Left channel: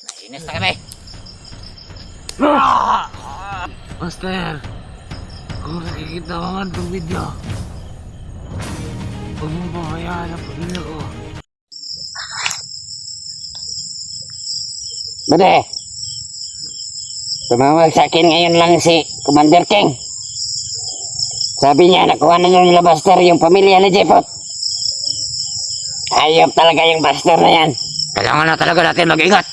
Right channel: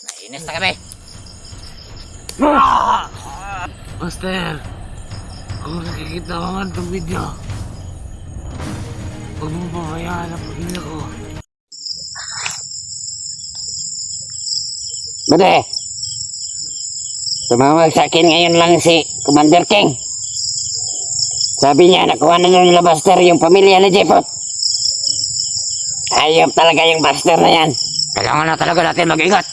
Nainis na kami. Master, kung nakikita mo man itong video, huwag mong pabayaan ang pamilya ko. Bude, tumawag sa akin ngayon lang si Commander King. Sabi niya, nakuha na yung Buster yung pamilya ni Jepot. Ayop talaga yung Buster na yan. Kailangan na talaga natin mag-ingat.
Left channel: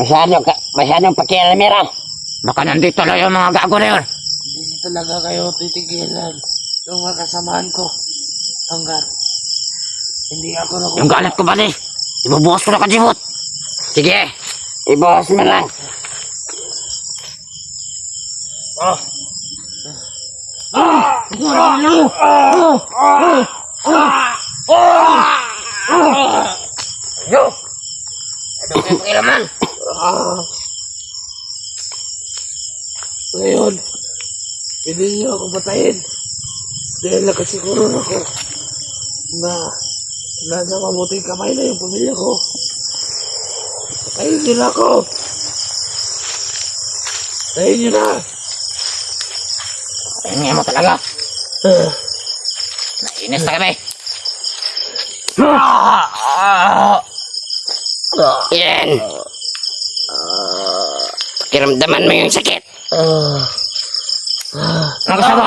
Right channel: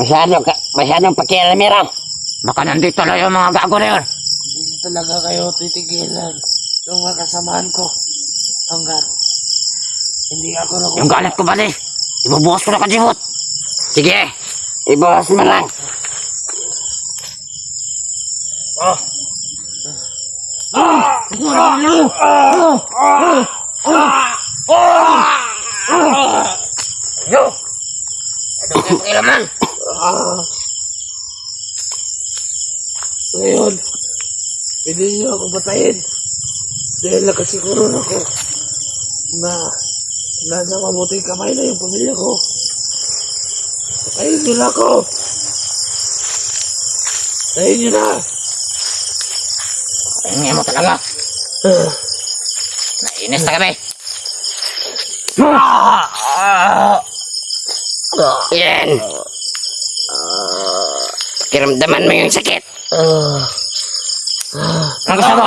Masyadong pakialamera. Baka nandito lang yung mga gago na yun. Hindi talaga kayo titigilan yung mga kasamahan ko hanggat hindi ako nakuha. Yung galit ko bali, ibubuhos ko na ka, Jepot. Sige, ibuhos mo lang. Yo! Ano kayo pakilaman? Ngayon, pwede niyo ako patayin dahil nakasiguron ako na nasa mabuting kamay na yung pamilya ko. Patayin niyo na ako! Patayin niyo na! Tingnan mo talaga. Nainis na kami. Yan. Pakiramdaman mo yung sakit. Ang gusto mo?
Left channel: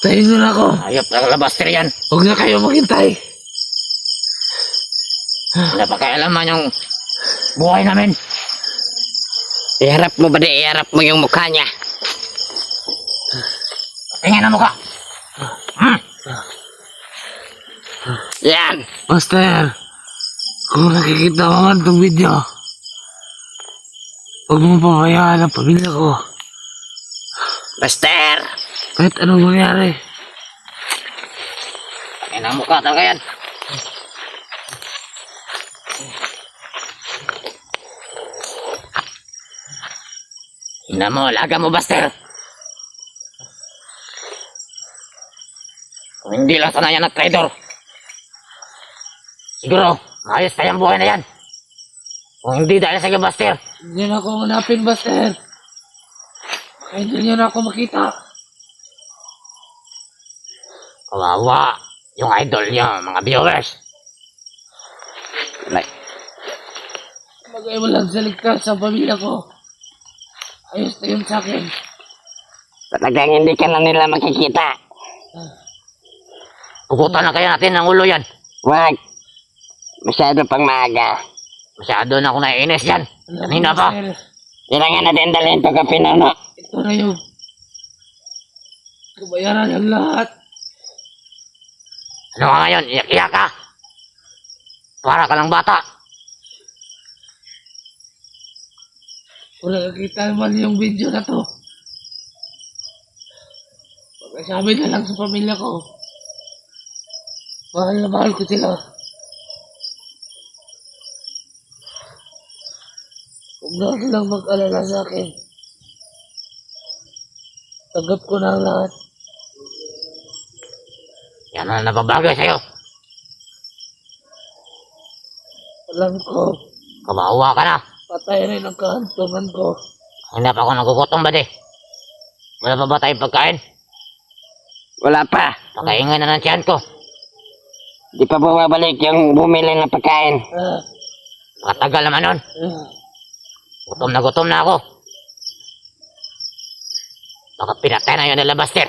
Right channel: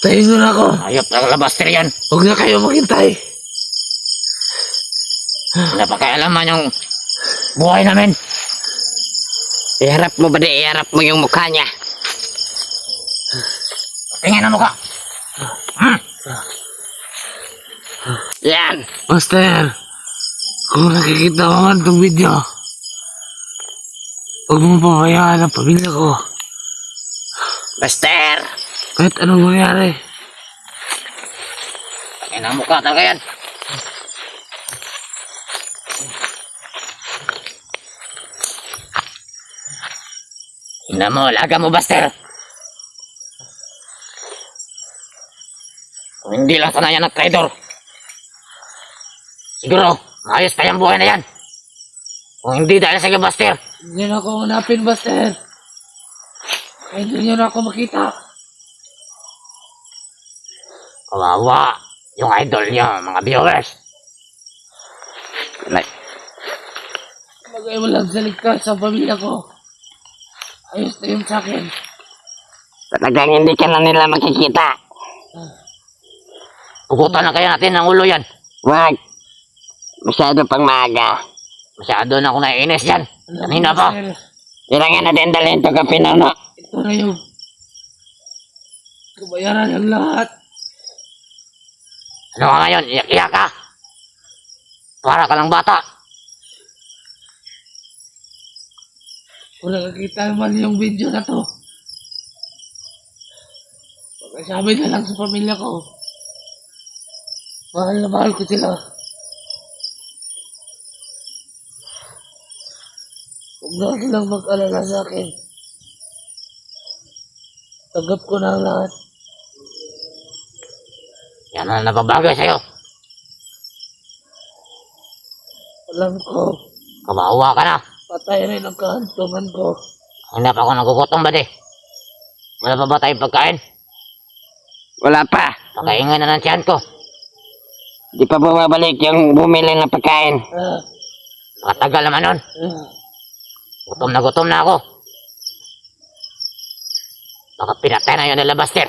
Patayin niyo na ako! Ayop talaga, Buster yan. Huwag na kayo maghintay! Wala pa kaialaman yung buhay namin. Iharap mo ba iharap mo yung mukha niya? Tingnan ang mukha. Yan. Master, kung nakikita mo man itong video, huwag mong pabayaan ang pamilya ko. Buster. Kahit anong mangyari. Tingnan ang mukha talaga yan. Tingnan mo, laga mo, Buster. Kung hindi lang sana yan at traidor, siguro, maayos pa yung buhay na yan. Kung hindi dahil sa iyo, Buster. Hindi na ako hanapin, Buster. Kahit hindi na ako makita. Kawawa yung idol niya, mga viewers. Magay mo lang sa ligtas sa pamilya ko. Ayos na yun sa akin. Talagang hindi ka na nila makikita. Pugutan na kaya natin ng ulo yan. Wag. Masyado pang maaga. Masyado na ako naiinis yan. Kanina pa. Buster, Kailangan natin dalhin ito ka Pinuno. ito na yung kabayaran ng lahat. Ano ka ngayon? Iyak-iyak ka. Para ka lang bata. Kung nakakita man yung video na to, pagkasabi na lang sa pamilya ko, mahal na mahal ko sila. Huwag na silang mag-alala sa akin. Tanggap ko na ang lahat. Yan na nababago sa'yo. Alam ko, Kawawa ka na. patay rin ang kahantungan ko. Hindi pa ako nagugutom ba di? Wala pa ba tayong pagkain? Wala pa. Pakaingan na ng tiyan ko. Di pa bumabalik yung bumili ng pagkain. Matagal naman nun. Gutom na ako. Baka pinatay na yun nila, Buster.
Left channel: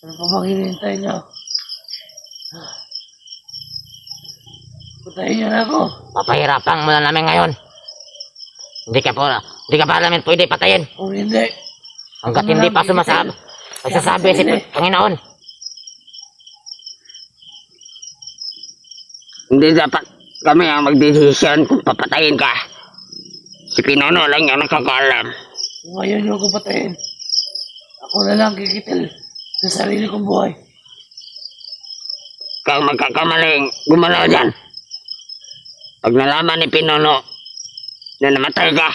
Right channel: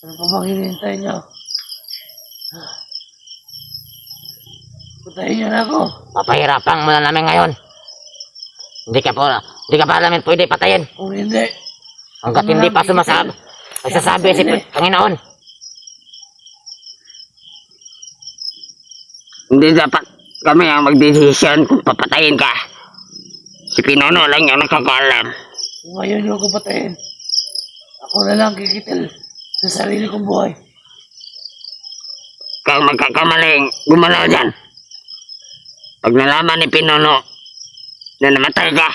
Ano pa bang hinihintay niyo? Patayin niyo na ako. Papahirapan mo na namin ngayon. Hindi ka pa namin pwede patayin. Kung hindi, Hanggat hindi pa magsasabi si Panginoon. Hindi dapat kami ang magdesisyon kung papatayin ka. Si Pinuno lang yung nakakaalam. kung ngayon niyo ako patayin, ako na lang kikitil sa sarili kong buhay. Kung magkakamaling gumalaw dyan, pag nalaman ni Pinuno na namatay ka,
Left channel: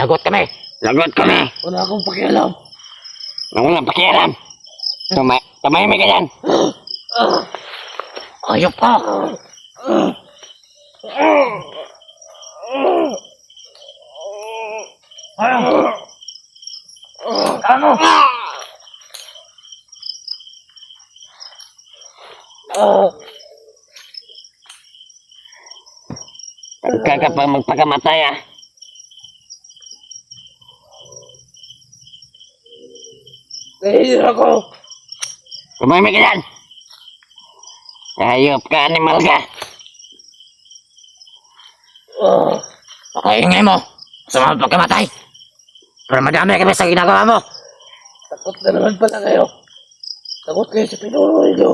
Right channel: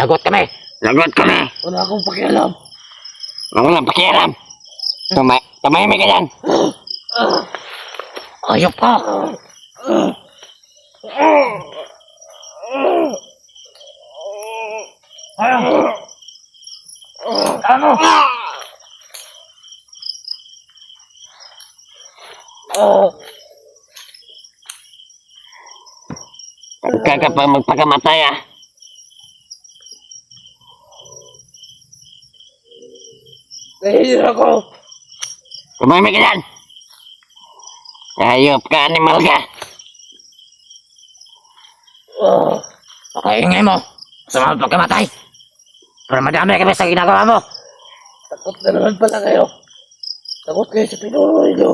lagot kami. Lagot kami. Wala akong pakialam. Wala pakialam. Tumahimik ka dyan. Ayop ka. Ano? Pagka magpakamatay ah. Nahihira ako. Tumahimik ka dyan. Ayop ka, animal ka. Pakaingay mo. Sa mga pagkamatay. Para madami kami sa ginagawa mo. Takot na naman pala kayo. Takot kayo sa pinuno ninyo.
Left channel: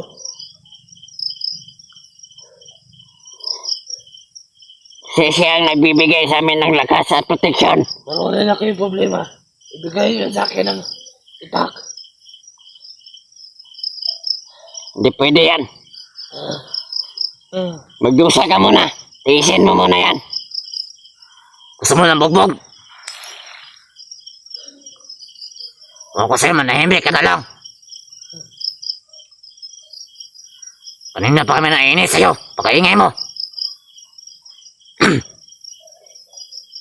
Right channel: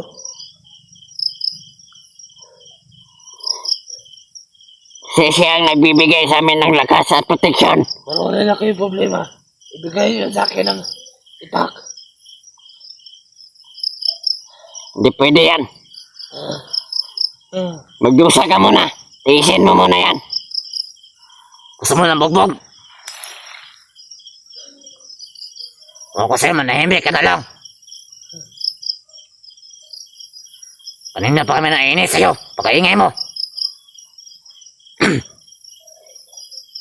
Siya ang nagbibigay sa amin ng lakas at proteksyon. Marunay na kayo problema. Ibigay nyo sa akin ng itak. Hindi pwede yan. Magdusa ka muna. Tiisin mo muna yan. Gusto mo ng bugbog? O ko sa'yo, manahimik ka na lang. Kanina pa kami nainis sa'yo. Pakaingay mo.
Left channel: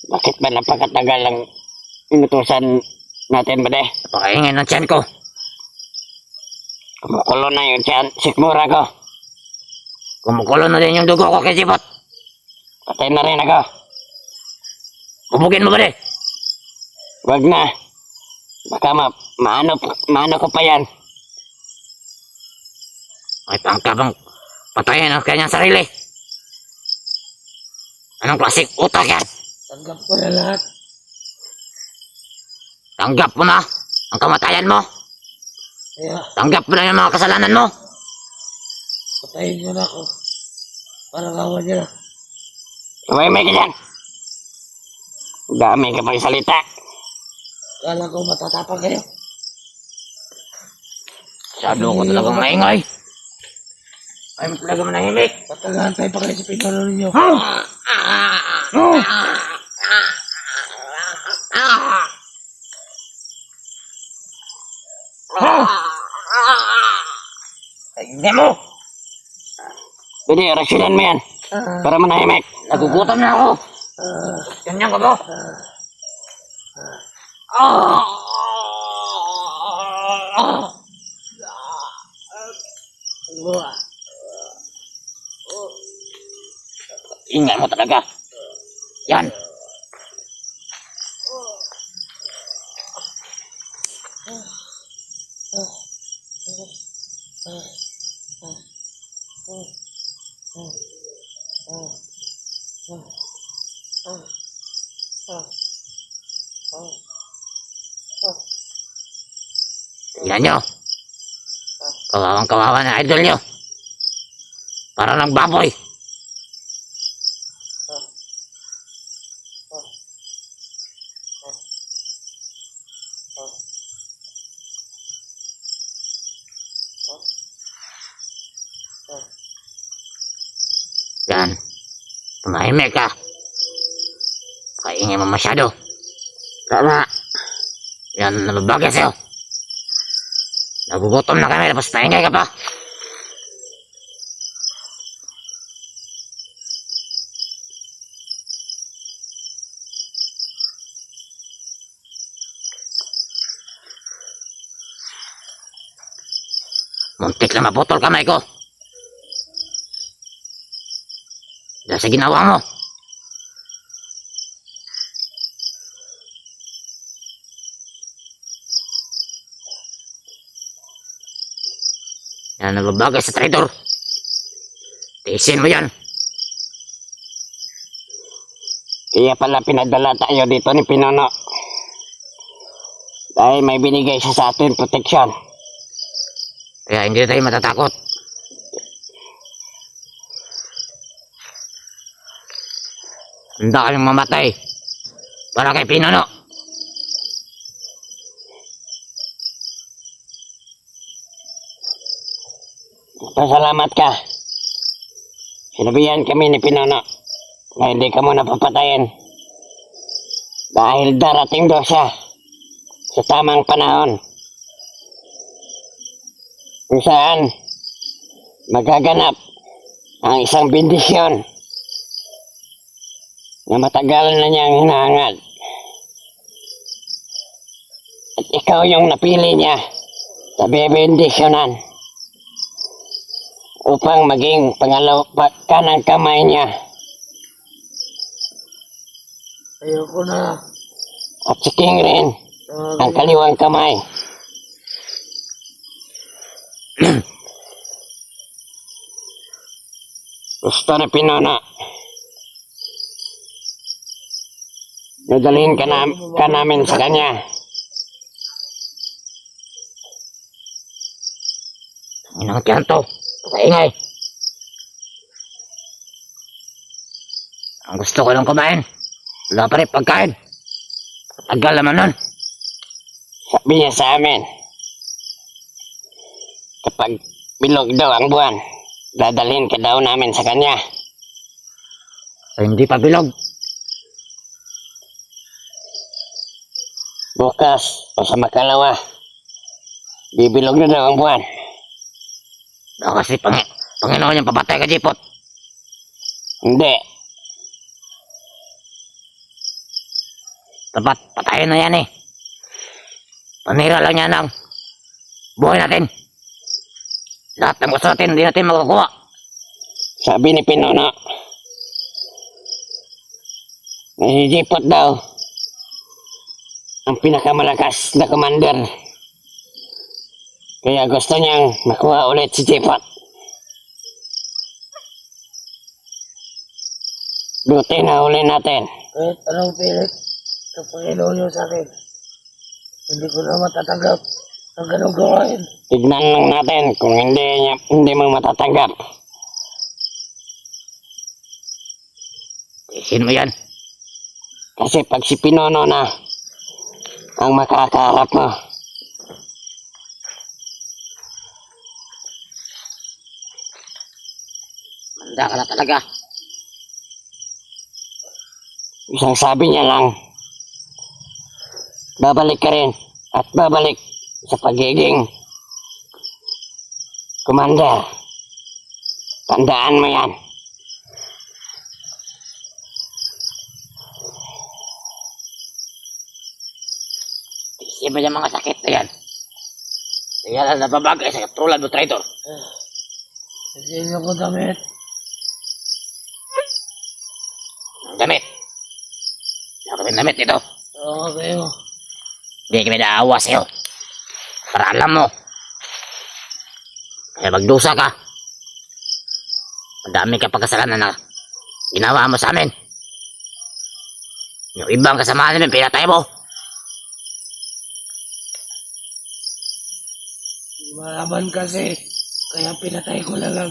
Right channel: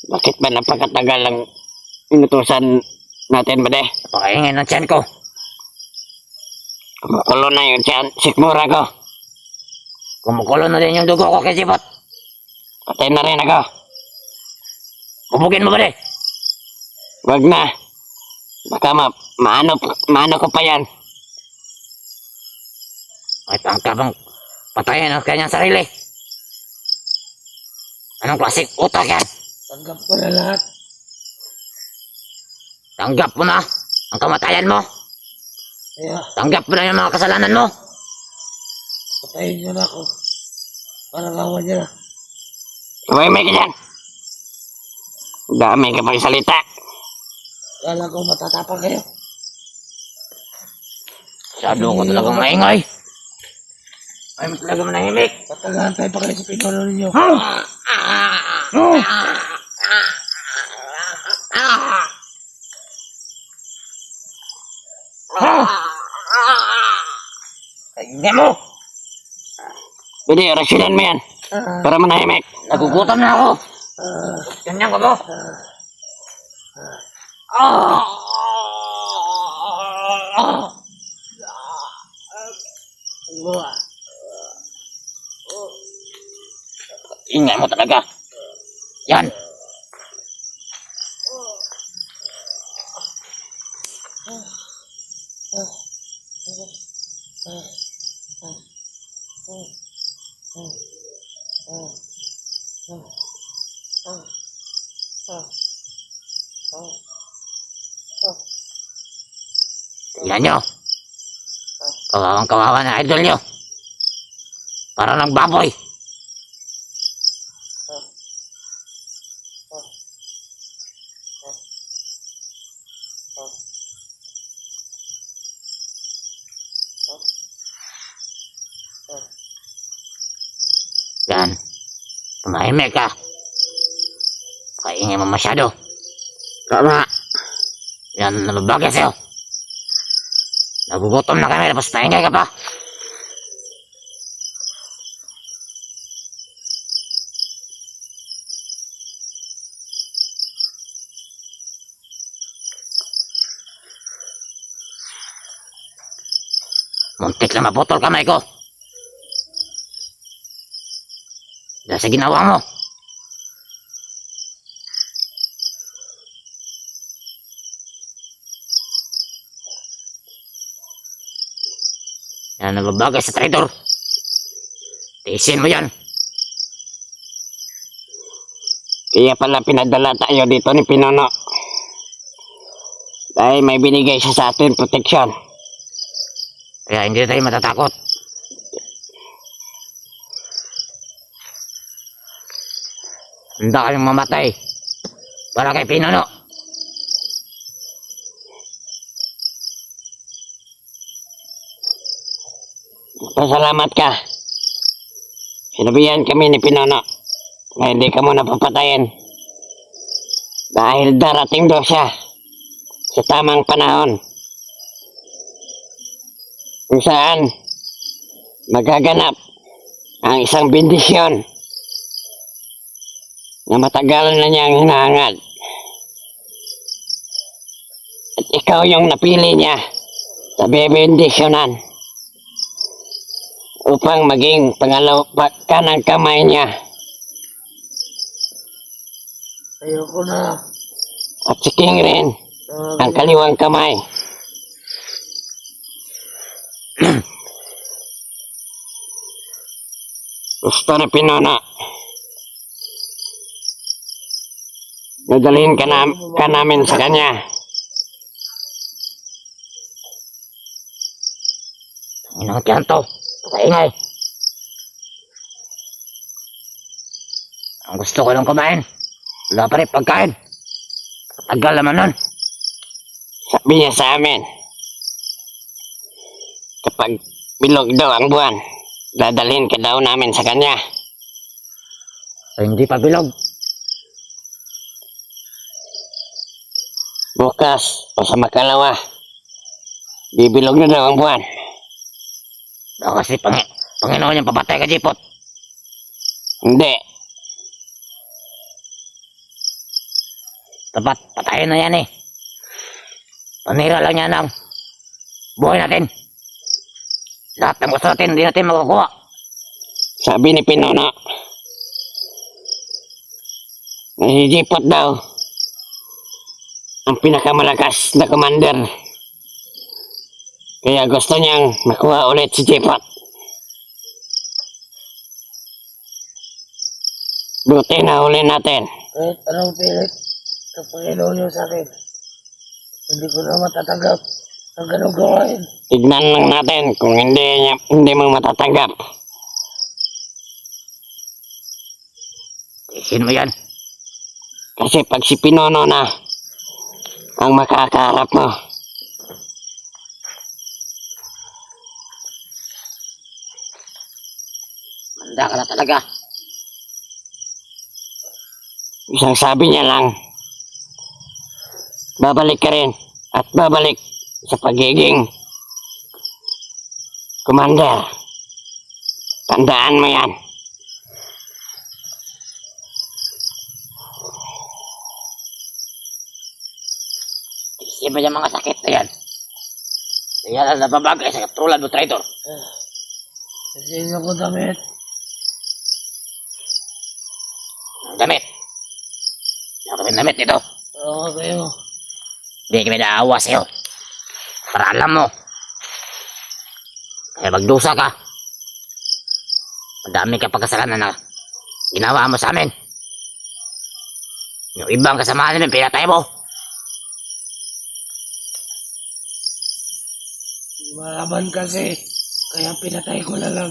Bakit ba napakatagal ang inutusan natin ba de? Pakaingay ng tiyan ko. Kumukulo na yung tiyan, sikmura ko. Kumukulo na din yung dugo ko kay Sipot. Patay na rin ako. Bubugin mo ba de? Wag na. Baka maano ko pa yan. Ay pangkabang patayin ang kanyang sarili. Anong klaseng utak yan? Tanggap ko na lahat. Tanggap mo na ang kamatayan mo. Kaya Tanggap mo na yung mga kasalanan mo. patayin nyo na ako. Para gawan nyo na. Tumahimik ka dyan. Dami ka pang salita. Kala ko matatapang kayo. Sabi ko talaga maingay. Ay mo talaga manahimik. Patagahan tayo pa kayo sa pinuno ninyo. Kaya mo. Pwede, rasyonan mo yan. Para manahimik. Nagugutom na ako. Ganyan ka ba? Ingay mo talaga. Yan. Tingnan nyo. Kawawang kawawa na idol nyo. Para ng baboy. Yan. Tumahimik ka. Kaingay mo masyado. Tama. Yan, nababagay sa'yo. Nagugutom na kami, tapos paingay ka pa. Muntik na maputol kamay ko. Dahil sa ginawa mo. Yan, nababagay sa traitor. Tiisin mo yan. Kaya pala pinadala tayo dito ni Pinuno. Dahil may binigay siya sa atin proteksyon. Kaya hindi tayo matatakot. Handa kayong mamatay para kay Pinuno. Pasalamat ka. Sinabihan kami ni Pinuno na hindi ka muna papatayin dahil darating daw siya sa tamang panahon. kung saan magaganap ang isang bendisyon na matagal na niyang hinahangad. At ikaw yung napili niya sa bebendisyonan upang maging pangalawa ka ng kamay niya. Ayoko na. At si King rin ang kaliwang kamay. Gusto ni Pinona. Nadalhin ka namin sa kanya. Inang tiyanto. Kaingay. Ang gusto ko lang kumain. Wala pa rin pagkain. Tagal naman nun. Sabi niya sa amin, kapag bilog daw ang buwan, dadalhin ka daw namin sa kanya. Ay, hindi pa bilog. Bukas o sa makalawa, bibilog na daw ang buwan. Kasi Panginoon yung papatay ka, Jipot. Hindi. Dapat patayin na yan eh. Panira lang yan ang buhay natin. Lahat ng gusto natin, hindi natin makukuha. Sabi ni Pinona, nahihigipot daw ang pinakamalakas na commander. Kaya gusto niyang makuha ulit si Jipot. Buti na huli natin. Kahit anong pilit ng Panginoon niyo sa akin, hindi ko na matatanggap ang ganong gawain. Tignan lang natin kung hindi mo matatanggap. Tisin mo yan. Kasi pag si Pinono na ang makakaharap mo, manda ka na talaga. Isang sabi niya lang, babalik ka rin at babalik sa pagiging commander. Tandaan mo yan. Iba yung mga sakit na yan. Kaya lang nababagay sa katulad mo, traitor. Kasi ko damit. Ang damit. Wala kami damit dito. Oo, kayo. Hindi kami naawa sa'yo. Para alam mo. Kaya magdusa ka. Madami ka pagkasalanan na ginawa mo sa amin. Yung ibang kasamahan namin, pinatay mo. Malaban kasi, kaya pinatay ko na lang.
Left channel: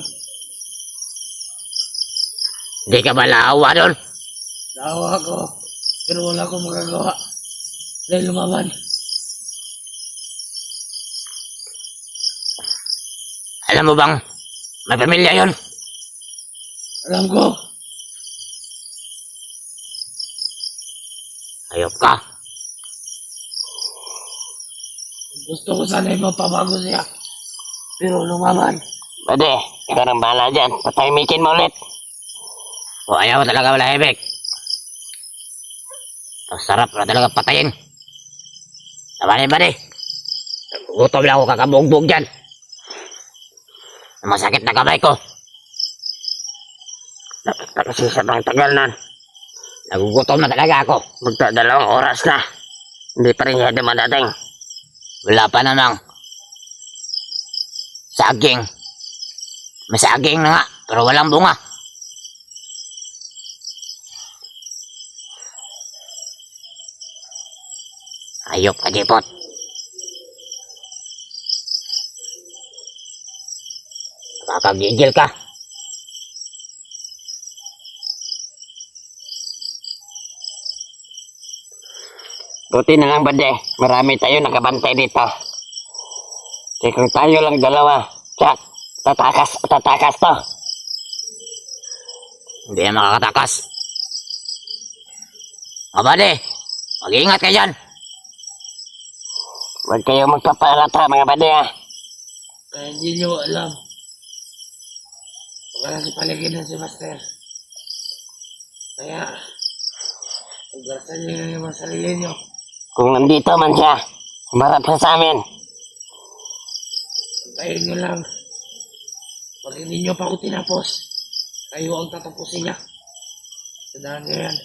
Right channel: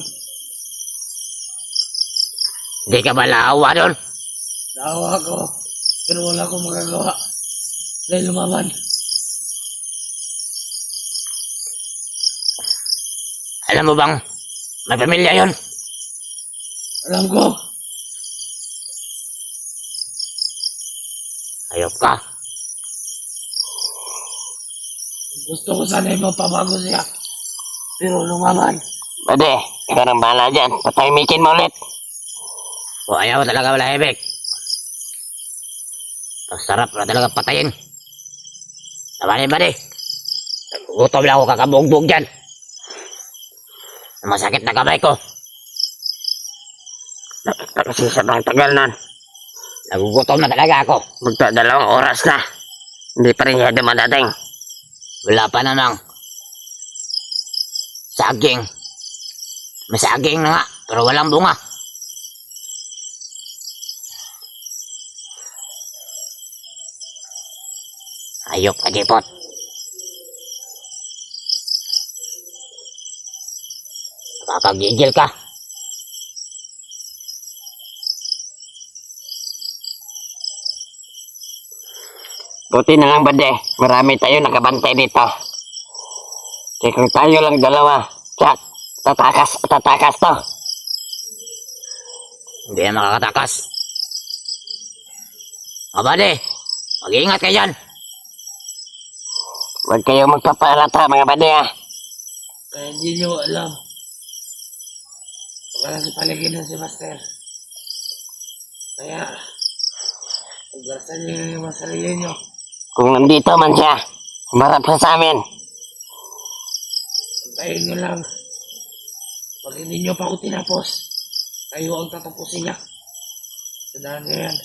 Hindi ka ba naawa doon? Naawa ko, pero wala akong magagawa. Dahil lumaban. Alam mo bang may pamilya yon? Alam ko. Ayop ka. Gusto ko sana'y mapabago siya. Pero lumaban. Pwede, ikaw nang bahala dyan. Patahimikin mo ulit. O ayaw mo talaga malahimik. Ang sarap na talaga patayin. Nabanin ba di? Gutom lang ako kakabugbog dyan. Masakit na kamay ko. Nakita kasi sa bang tagal nun. Nagugutom na talaga ako. Magdadalawang oras na. Hindi pa rin siya dumadating. Wala pa namang saging. May saging na nga, pero walang bunga. Ayop ka, Jipot. Nakakagigil ka. Buti na lang, Bade. Marami tayo nakabantay dito. Kasi kung tayo lang dalawa, tatakas to. Hindi yan makakatakas. O, Bade, mag-iingat kayo dyan. Huwag kayo magpapalata, mga Bade, ha. Kaya hindi nyo alam. Baka nasa paligid na si Master. Kaya, pagdarasan nyo na yung mga sarili nyo. Kung nandito man siya, humarap siya sa amin. Antayin nyo lang. Pag hindi nyo pa ako tinapos, kayo ang tatapusin niya. Tandaan nyo yan.